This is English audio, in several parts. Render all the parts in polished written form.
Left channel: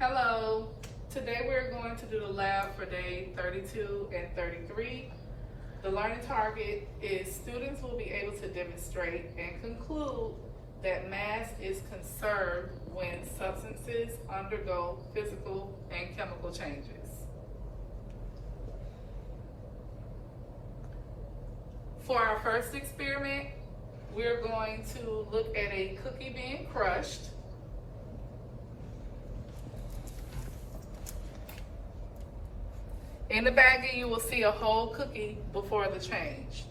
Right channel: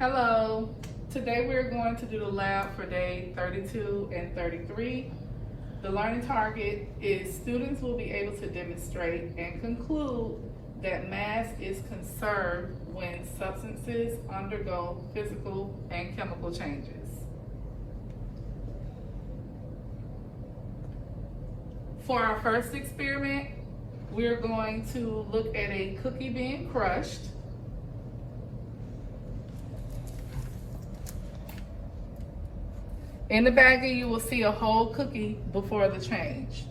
Hello. Today we're going to do the lab for day 32 and 33. The learning target is students will be able to demonstrate and conclude that mass is conserved when substances undergo physical and chemical changes. For our first experiment, we're going to look at a cookie being crushed. In the baggie, you will see a whole cookie before the change.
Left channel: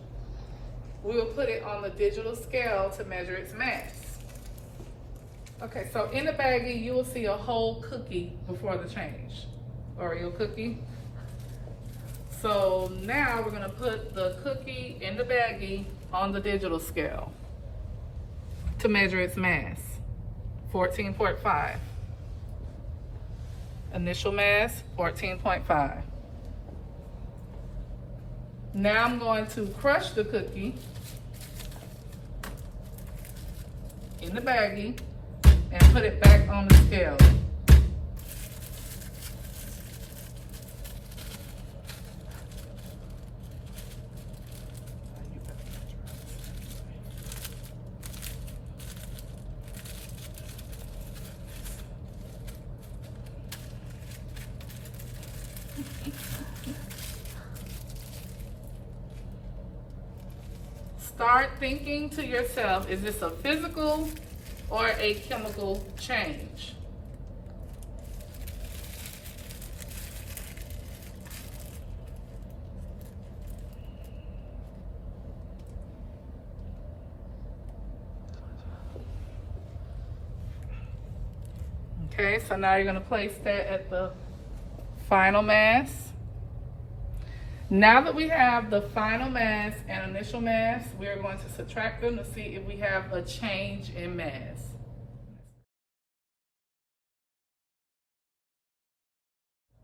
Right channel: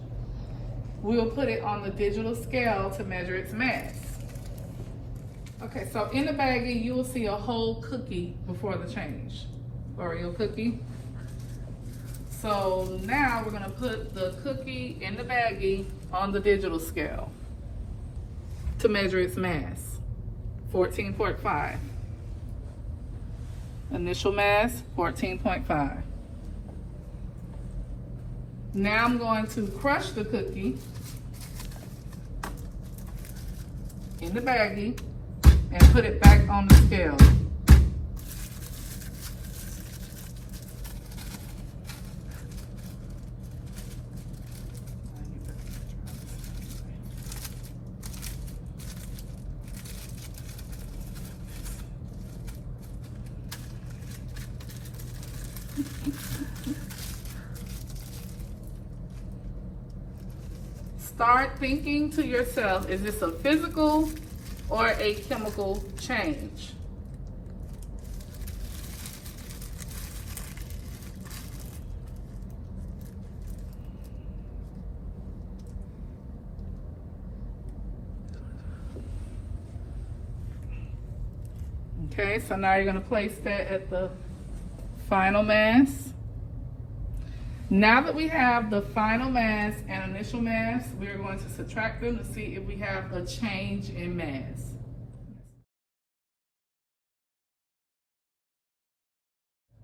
We will put it on the digital scale to measure its mass. Okay, so in the baggie, you will see a whole cookie before the change. Oreo cookie. So now we're gonna put the cookie in the baggie on the digital scale to measure its mass, 14.5. Initial mass, 14.5. Now I'm going to crush the cookie in the baggie and put it back on the scale. Start thinking to yourself, is this a physical or a chemical change? Okay, so now you're going to place that at the final mass. Now that we have the final mass and initial mass, we are going to subtract them to see if we have a change in mass.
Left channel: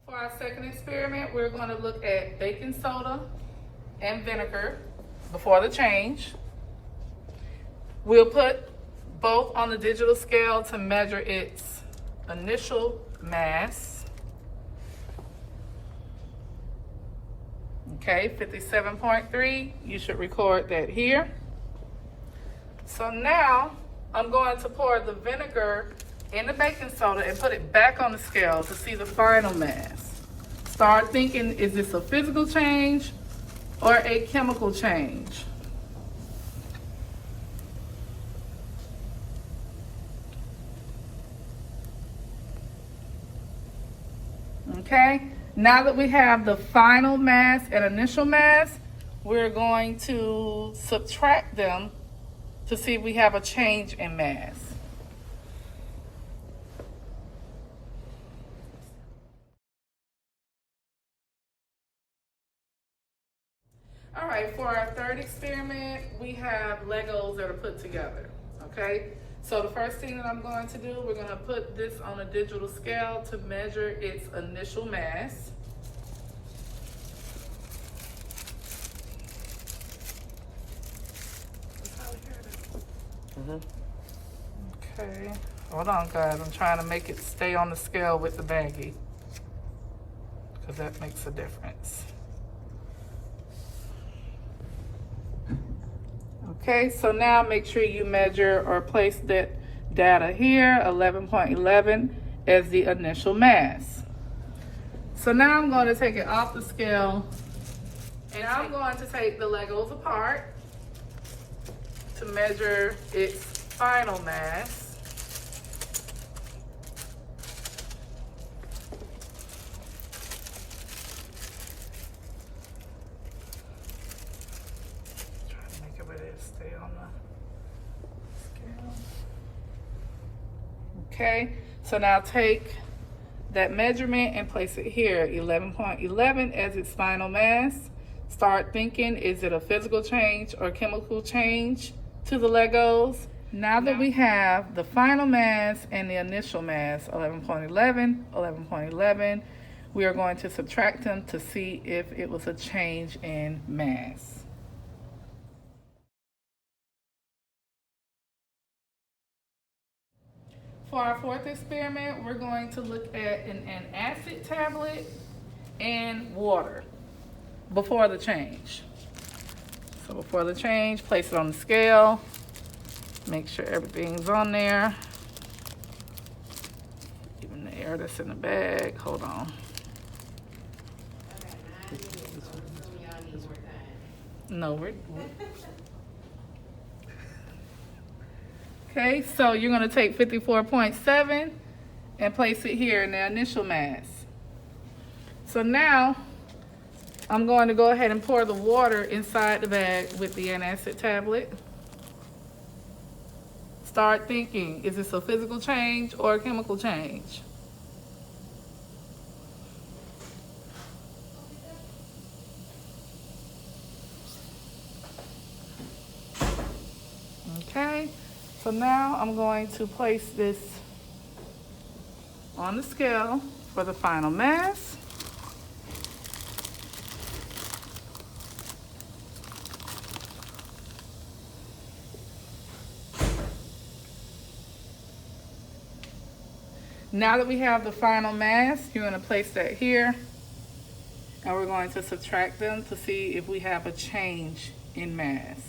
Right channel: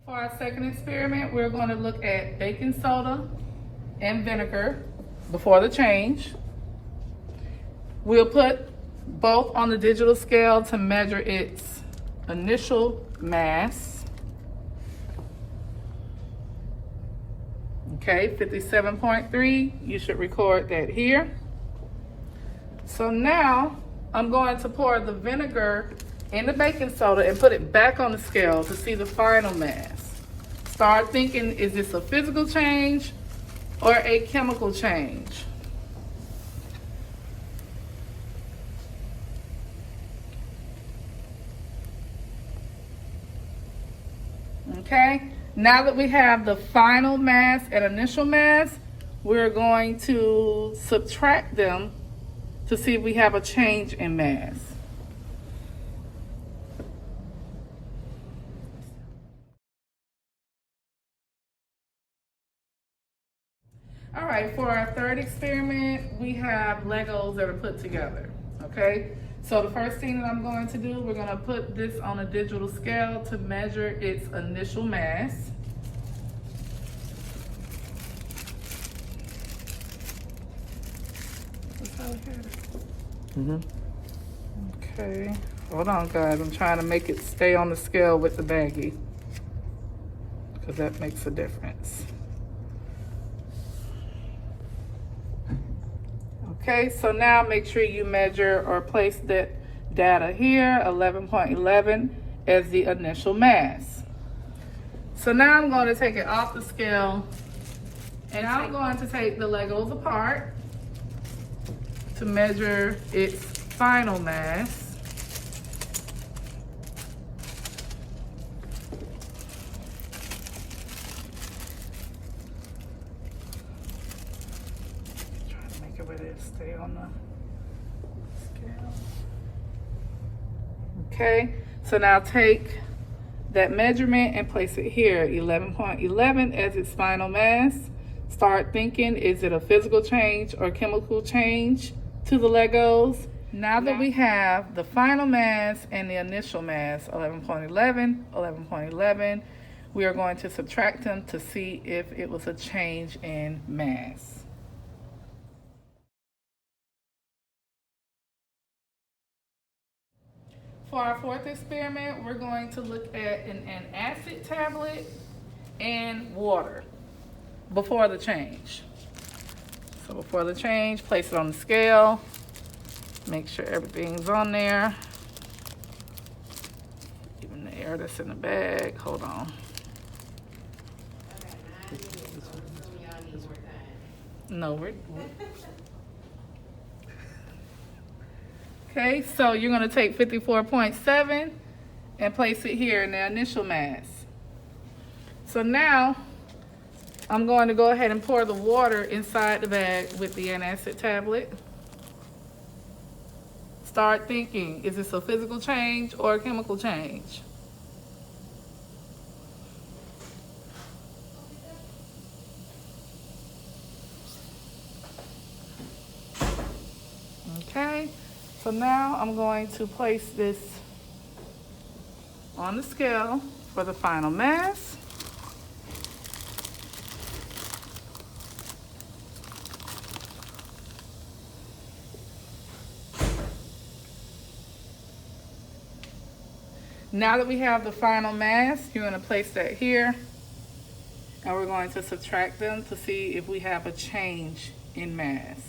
For our second experiment, we're going to look at baking soda and vinegar before the change. We'll put both on the digital scale to measure its initial mass. Okay, 57.3, you should record that here. So now I'm going to pour the vinegar in the baking soda and put it back on the scale to see the final mass. Start thinking, is this a physical change or a chemical change? Okay. Now that we have the final mass and initial mass, we're going to subtract them to see if we have a change in mass. All right, for our third experiment, we have Legos that are put together, okay? So the first thing that I'm going to do, we're gonna put this on a digital scale to measure its initial mass. Okay, hold on guys, I'm trying to make it stay on the scale with the baggie because that makes a difference. Okay, so now make sure you measure or place that data here, 11.11 as the initial mass. So now I'm going to take it off the scale and I'm going to take the Legos apart to measure its final mass. Trying to make it where it stay on the scale. Okay, so now take that measurement and place it here, 11.11 as its final mass. Start thinking, is it a physical change or chemical change to the Legos? Now that we have the final mass and the initial mass, 11.11, 11.11, we are going to subtract them to see if it was a change in mass. For our fourth experiment, we're going to look at an antacid tablet and water before the change. So before the change, place it on the scale. Make sure everything's on there. Even the air that's in the bag. Hold on. No, we're okay, so you're going to take 54.7 and place it here in the initial mass. So now I'm going to go ahead and pour the water inside the bag with the antacid tablet. Start thinking, is this a physical change or a chemical change? Okay, so now I'm going to place this on the scale for the final mass. Now that we have the final mass, you're going to place that here, and we're going to subtract them to see if we have a change in mass.